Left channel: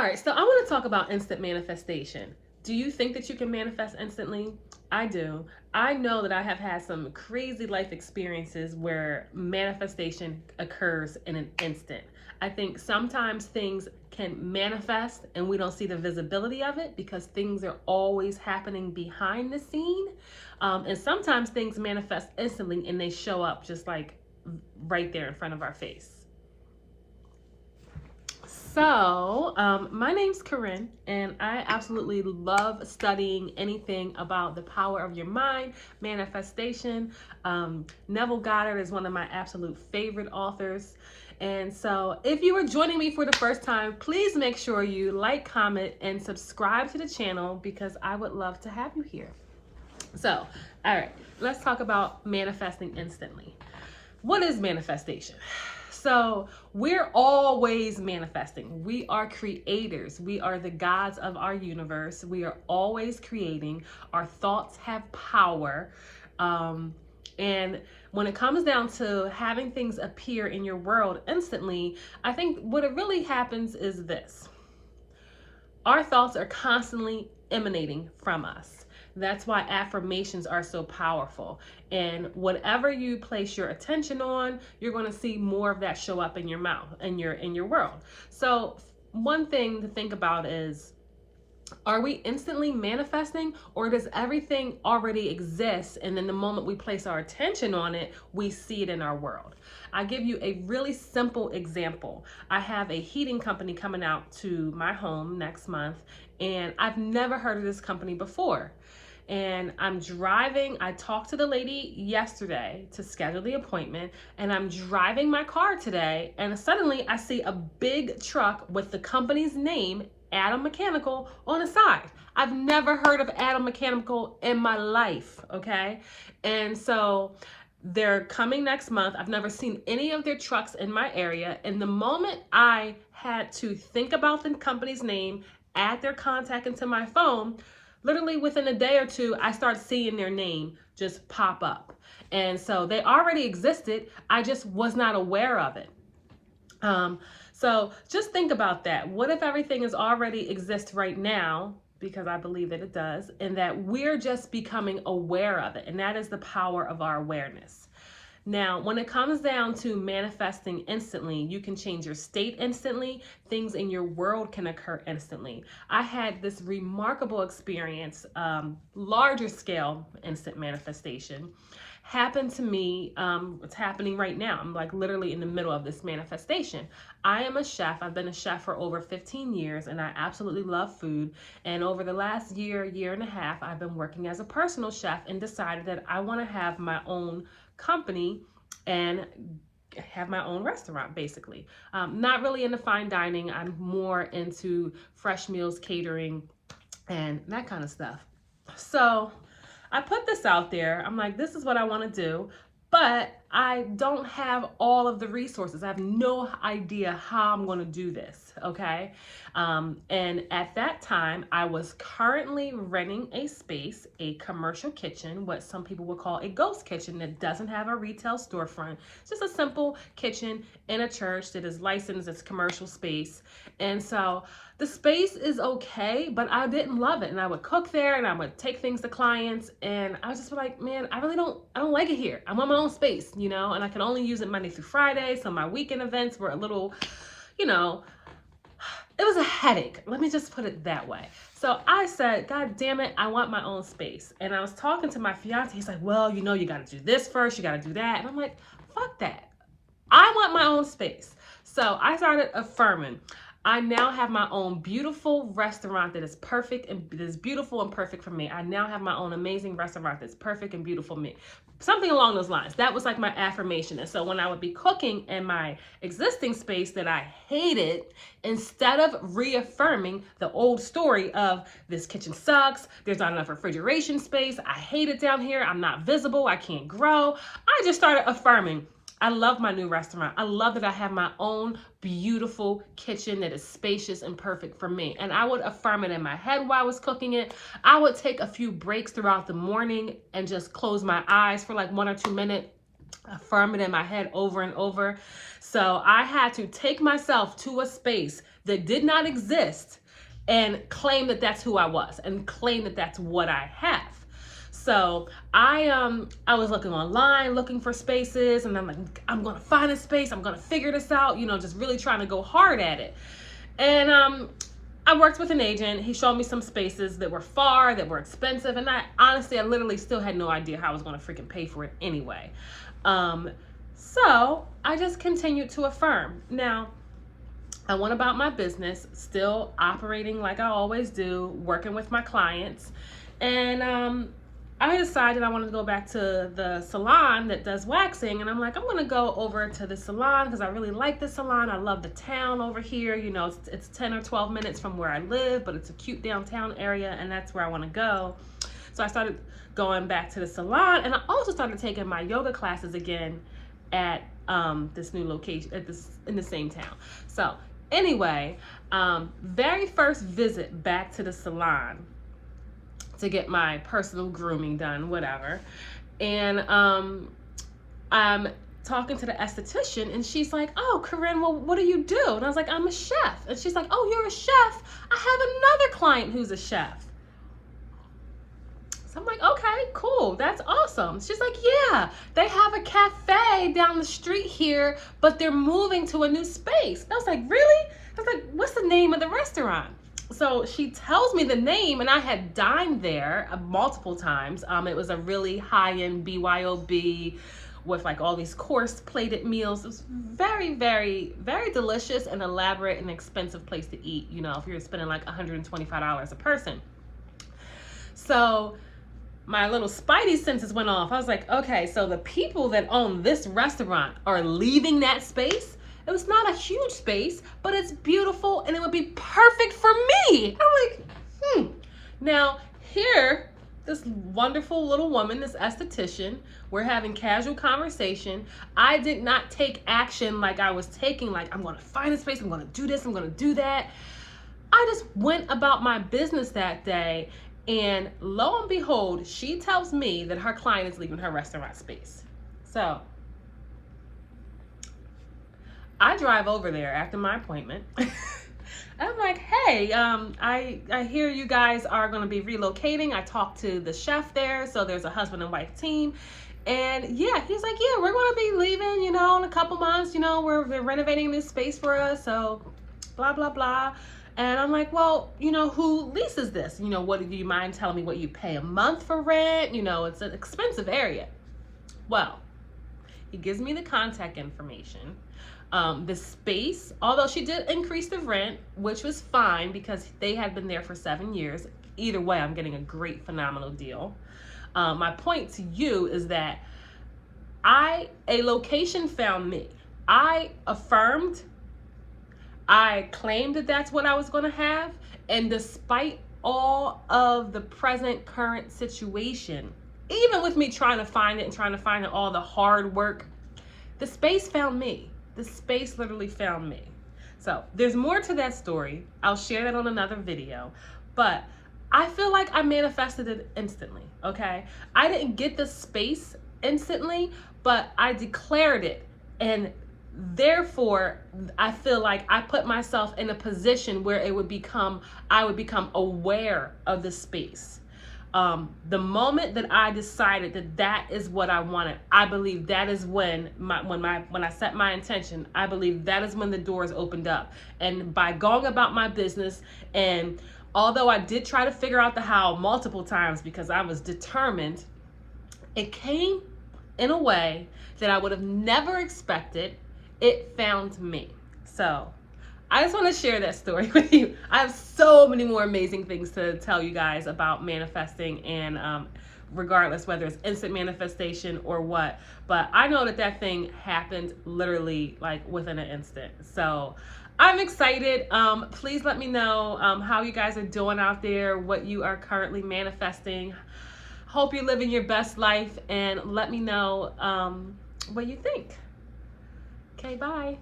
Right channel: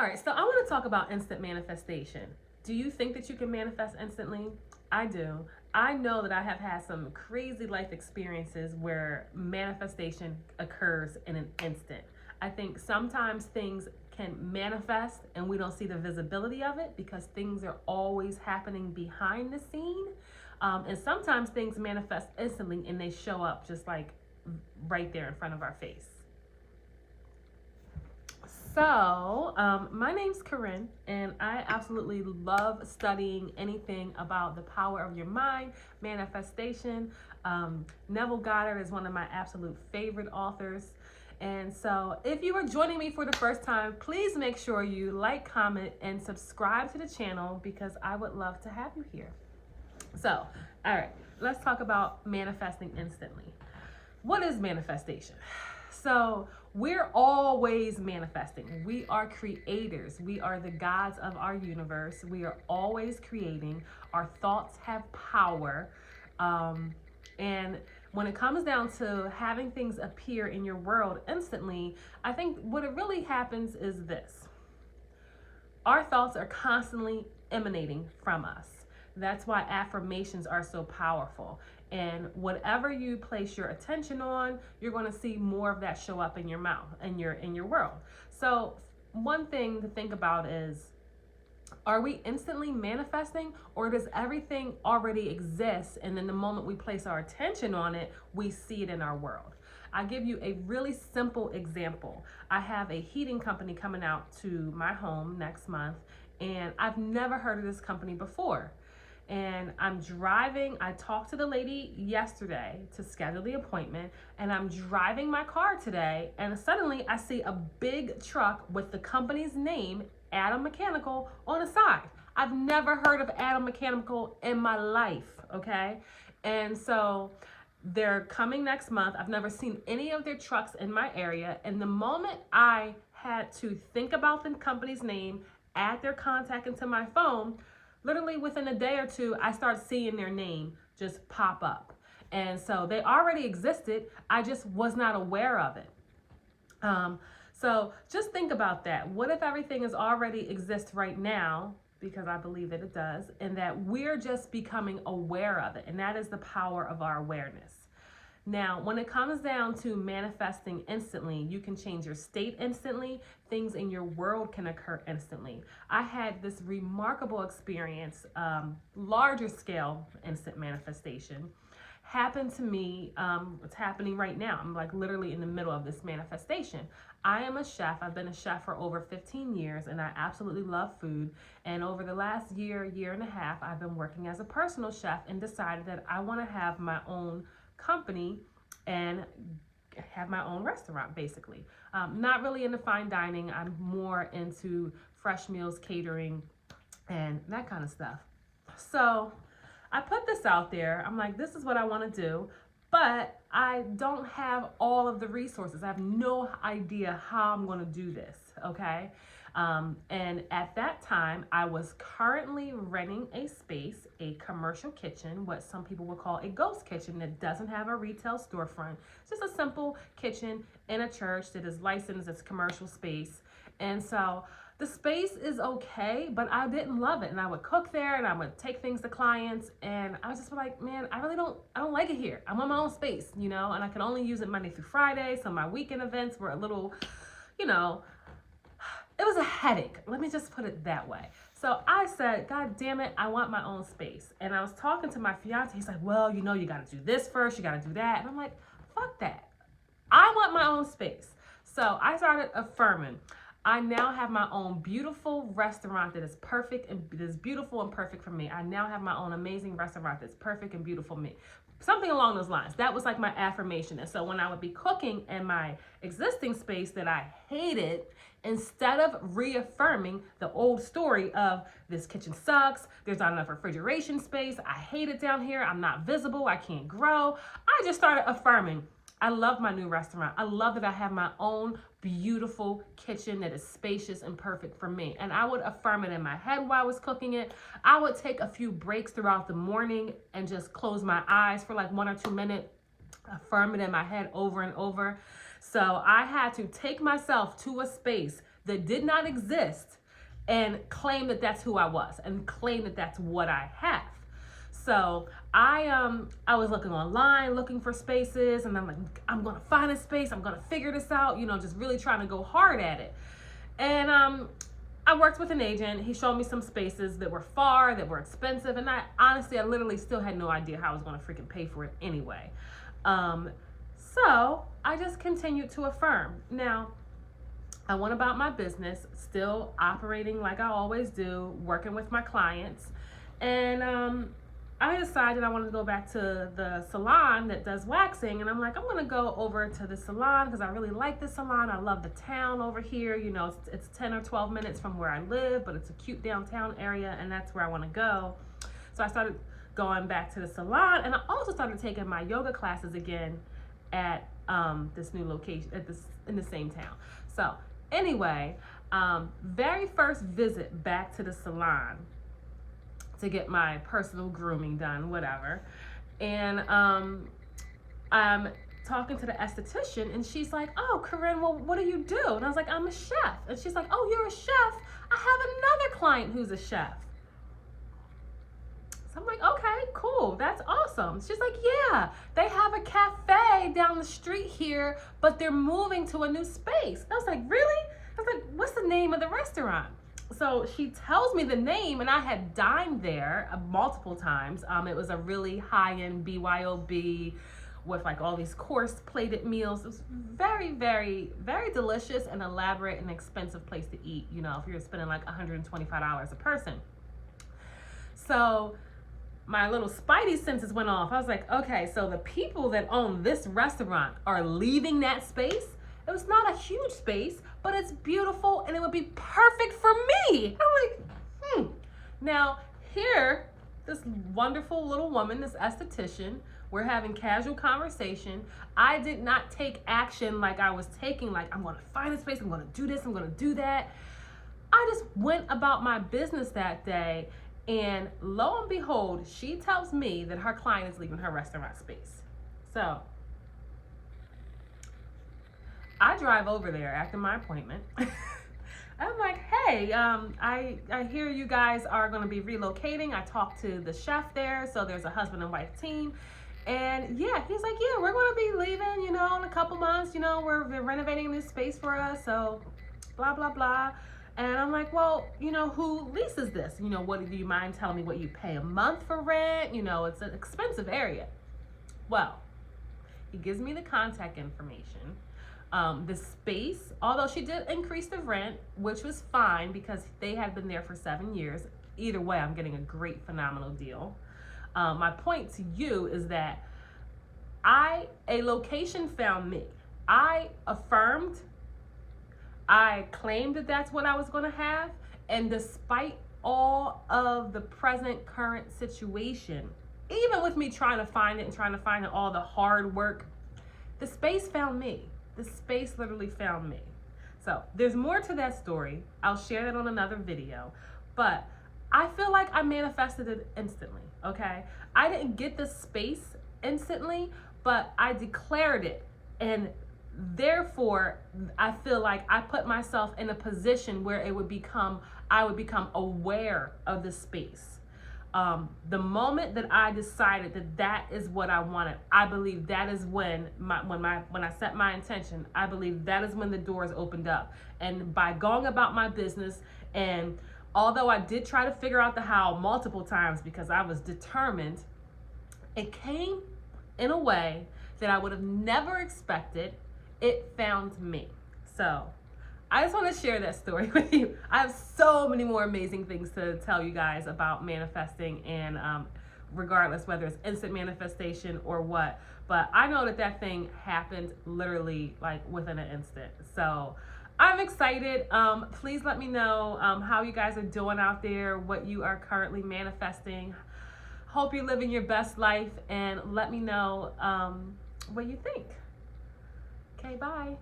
All right, so I want to talk about instant manifestation. Do you think that you can manifest instantly? I do. I know that I have had some crazy life experiences where manifestation occurs in an instant. I think sometimes things can manifest and we don't see the visibility of it because things are always happening behind the scene. And sometimes things manifest instantly and they show up just like right there in front of our face. My name's Corinne, and I absolutely love studying anything about the power of your mind, manifestation. Neville Goddard is one of my absolute favorite authors. And so, if you are joining me for the first time, please make sure you like, comment, and subscribe to the channel because I would love to have you here. So, all right, let's talk about manifesting instantly. What is manifestation? So we're always manifesting. We are creators. We are the gods of our universe. We are always creating. Our thoughts have power. And when it comes down to having things appear in your world instantly, I think what it really happens is this. Our thoughts are constantly emanating from us. That's why affirmations are so powerful. And whatever you place your attention on, you're going to see more of that show up in your mouth and in your world. So one thing to think about is, are we instantly manifesting, or does everything already exist and then the moment we place our attention on it, we see it in our world? I give you a really simple example. I have a heating company coming out to my home next month, and I've never heard of this company before. And I'm driving. I talked to the lady yesterday to schedule the appointment, and I'm driving my car today, and suddenly I see a big truck with the company's name, Adam Mechanical, on the side. I've never heard of Adam Mechanical in my life, okay? And so they're coming next month. I've never seen any of their trucks in my area. And the moment I had to think about the company's name, add their contact into my phone, literally within a day or two, I start seeing their name just pop up. And so they already existed. I just was not aware of it. So just think about that. What if everything is already exists right now? Because I believe that it does, and that we're just becoming aware of it. And that is the power of our awareness. Now, when it comes down to manifesting instantly, you can change your state instantly. Things in your world can occur instantly. I had this remarkable experience, larger scale instant manifestation happened to me. It's happening right now. I'm like literally in the middle of this manifestation. I am a chef. I've been a chef for over 15 years, and I absolutely love food. And over the last year and a half, I've been working as a personal chef and decided that I want to have my own company and have my own restaurant, basically. Not really into fine dining. I'm more into fresh meals, catering, and that kind of stuff. So I put this out there. I'm like, this is what I want to do, but I don't have all of the resources. I have no idea how I'm going to do this, okay? And at that time, I was currently renting a space, a commercial kitchen, what some people would call a ghost kitchen that doesn't have a retail storefront. It's just a simple kitchen in a church that is licensed as commercial space. And so the space is okay, but I didn't love it. And I would cook there and I would take things to clients, and I was just like, man, I don't like it here. I want my own space, you know, and I can only use it Monday through Friday. So my weekend events were a little, you know, it was a headache. Let me just put it that way. So I said, God damn it, I want my own space. And I was talking to my fiance. He's like, well, you know, you got to do this first. You got to do that. And I'm like, fuck that. I want my own space. So I started affirming. I now have my own beautiful restaurant that is perfect and that is beautiful and perfect for me. I now have my own amazing restaurant that's perfect and beautiful for me. Something along those lines. That was like my affirmation. And so when I would be cooking in my existing space that I hated, instead of reaffirming the old story of this kitchen sucks, there's not enough refrigeration space, I hate it down here, I'm not visible, I can't grow, I just started affirming. I love my new restaurant. I love that I have my own beautiful kitchen that is spacious and perfect for me. And I would affirm it in my head while I was cooking it. I would take a few breaks throughout the morning and just close my eyes for like 1 or 2 minutes, affirm it in my head over and over. So I had to take myself to a space that did not exist and claim that that's who I was and claim that that's what I have. So I was looking online, looking for spaces, and I'm like, I'm gonna find a space, I'm gonna figure this out, just really trying to go hard at it. And I worked with an agent. He showed me some spaces that were far, that were expensive, and I literally still had no idea how I was gonna freaking pay for it anyway. So I just continued to affirm. Now, I went about my business, still operating like I always do, working with my clients, and I decided I wanted to go back to the salon that does waxing, and I'm like, I'm gonna go over to the salon because I really like the salon. I love the town over here. It's 10 or 12 minutes from where I live, but it's a cute downtown area, and that's where I want to go. So I started going back to the salon, and I also started taking my yoga classes again at this new location in the same town. So anyway, very first visit back to the salon to get my personal grooming done, whatever. And I'm talking to the esthetician, and she's like, "Oh, Corinne, well, what do you do?" And I was like, "I'm a chef." And she's like, "Oh, you're a chef? I have another client who's a chef." So I'm like, "Okay, cool, that's awesome." She's like, "Yeah, they have a cafe down the street here, but they're moving to a new space." And I was like, "Really?" I was like, "What's the name of the restaurant?" So she tells me the name, and I had dined there multiple times. It was a really high-end BYOB with like all these course plated meals. It was very, very, very delicious and elaborate and expensive place to eat, if you're spending like $125 a person. So my little spidey senses went off. I was like, okay, so the people that own this restaurant are leaving that space. It was not a huge space, but it's beautiful and it would be perfect for me. I'm like, Now, here, this wonderful little woman, this esthetician, we're having casual conversation. I did not take action like I was taking, like, I'm going to find a space, I'm going to do this, I'm going to do that. I just went about my business that day, and lo and behold, she tells me that her client is leaving her restaurant space. So I drive over there after my appointment. I'm like, "Hey, I hear you guys are going to be relocating." I talked to the chef there, so there's a husband and wife team. And yeah, he's like, "Yeah, we're going to be leaving, in a couple months. They're renovating this space for us, so blah, blah, blah." And I'm like, "Well, who leases this? What do you mind telling me what you pay a month for rent? It's an expensive area." Well, he gives me the contact information. The space, although she did increase the rent, which was fine because they had been there for 7 years. Either way, I'm getting a great, phenomenal deal. My point to you is that a location found me. I affirmed, I claimed that that's what I was going to have, and despite all of the current situation, even with me trying to find it, all the hard work, the space found me. The space literally found me. So there's more to that story. I'll share that on another video. But I feel like I manifested it instantly, okay? I didn't get the space instantly, but I declared it. And therefore, I feel like I put myself in a position where I would become aware of the space. The moment that I decided that is what I wanted, I believe that is when I set my intention, I believe that is when the doors opened up. And by going about my business, and although I did try to figure out the how multiple times because I was determined, it came in a way that I would have never expected. It found me. So I just want to share that story with you. I have so many more amazing things to tell you guys about manifesting, and regardless whether it's instant manifestation or what, but I know that thing happened literally like within an instant. So I'm excited. Please let me know how you guys are doing out there, what you are currently manifesting. Hope you're living your best life, and let me know what you think. Okay, bye.